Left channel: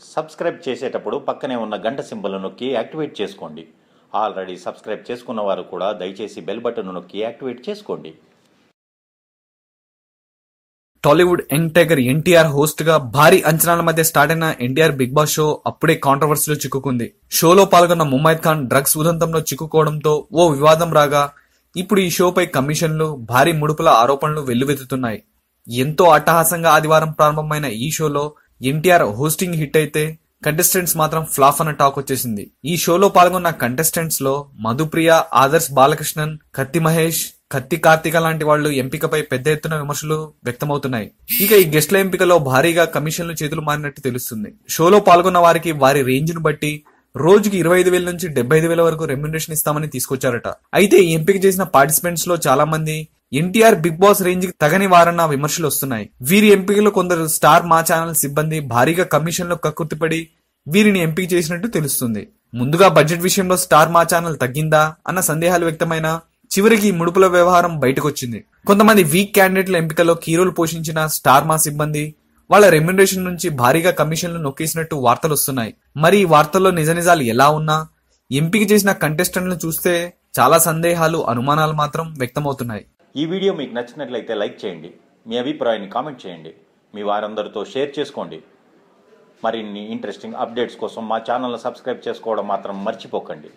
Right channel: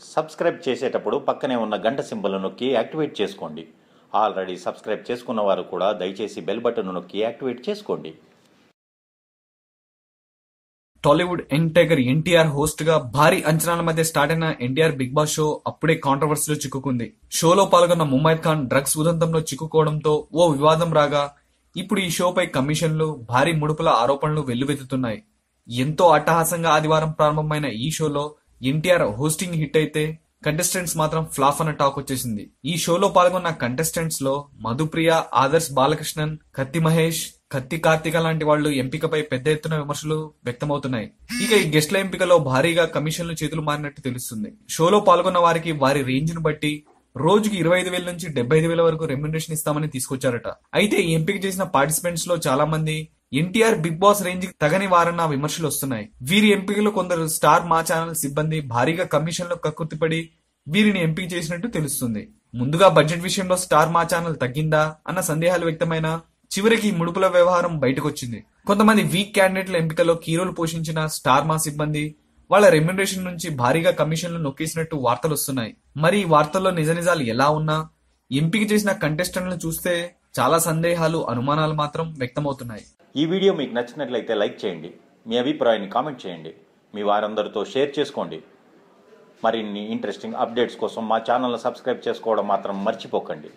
Subscribe చేసేటప్పుడు పక్కనే ఉన్న గంట సింబల్ నొక్కి యాక్టివేట్ చేసుకోండి. ఆల్రెడీ సబ్స్క్రైబ్ చేసుకున్న వారు కూడా దయచేసి బెల్ బటన్ నొక్కి యాక్టివేట్ చేసుకోండి. టాలీవుడ్ యంగ్ టైగర్ ఎన్టీఆర్ హోస్ట్గా భారీ అంచనాల మధ్య స్టార్ట్ అయిన ఎన్టీఆర్ బిగ్ బాస్ షో అప్పుడే కాంట్రవర్సీలో చిక్కుకుంది. షోలో పాల్గొన్న ముమైద్ ఖాన్ డ్రగ్స్ ఉదంతంలో చిక్కుకోవడంతో ఓ వివాదం రాగా ఇప్పుడు ఈ షోపై కమిషన్లు భారీ ముడుపుల ఆరోపణలు వెల్లువెత్తుతున్నాయి. ఎంతో అట్టహాసంగా ఆదివారం ప్రారంభమైన ఈ షోలో ఎన్టీఆర్ హోస్టింగ్ హిట్ అయితే కంటెస్టెంట్స్ మాత్రం ఫ్లాప్ అన్న టాక్ వచ్చేసింది. ఈ షోలో పాల్గొన్న కంటెస్టెంట్స్లో మధుప్రియ ఆదర్శ్ బాలకృష్ణన్ కత్తి మహేష్ కత్తి కార్తిక లాంటి వాళ్ళు ఎంపికపై పెద్ద ఎత్తున విమర్శలు వ్యక్తమవుతున్నాయి. ఇక ఈ గెస్ట్ల ఎంపికలో భారీగా కమిషన్లు చేతులు మారినట్టు తెలుస్తుంది. షోలో పాల్గొన్న వారికి వారి రేంజ్ను బట్టి రోజుకి ఇరవై ఐదు వేల నుంచి డెబ్బై ఐదు వేల వరకు రెమ్యునరేషన్ ఇస్తామని తీసుకొచ్చారట. అయితే ఈ ఎంపిక చేసిన పార్టిసిపెంట్స్లో చాలా మంది ఎన్టీఆర్ బిగ్ బాస్ రేంజ్కి తగని వారన్న విమర్శలు వస్తున్నాయి. వీరి ఎంపికలో కొందరు స్టార్ మా ఛానల్ సిబ్బంది భారీగా కమిషన్లు కక్కుర్తిపడి వీరిని ఎంపిక చేసినట్టు తెలుస్తుంది. ముందుగా బడ్జెట్ విషయంలో స్టార్ మా ఛానల్ తగ్గిందా అన్న సందేహాలు వ్యక్తమైన చివరికి ఈ ముడుపుల వ్యవహారం బయటకొచ్చింది. కొంతమంది వీక్ క్యాండిడేట్ల ఎంపికలో కీరోలు పోషించిన స్టార్ మా సిబ్బంది వాళ్ళ రెమ్యునరేషన్ నుంచి భారీగా కమిషన్లు నొక్కేసినట్టు వార్తలు వస్తున్నాయి. మరి ఈ వార్తల్లో నిజ నిజాలు ఎలా ఉన్నా ఎంపిక చేసిన కంటెస్టెంట్లను చూస్తే చాలా సందేహాలు అనుమానాలు మాత్రం వ్యక్తమవుతున్నాయి. ఈ వీడియో మీకు నచ్చినట్లయితే లైక్ చేయండి మీ అభిప్రాయాన్ని కామెంట్ చేయండి మీ వారందరితో షేర్ చేసుకోండి. మరిన్ని ఇంట్రెస్టింగ్ అప్డేట్స్ కోసం మా ఛానల్ని సబ్స్క్రైబ్ చేసుకోవడం మాత్రం మర్చిపోకండి.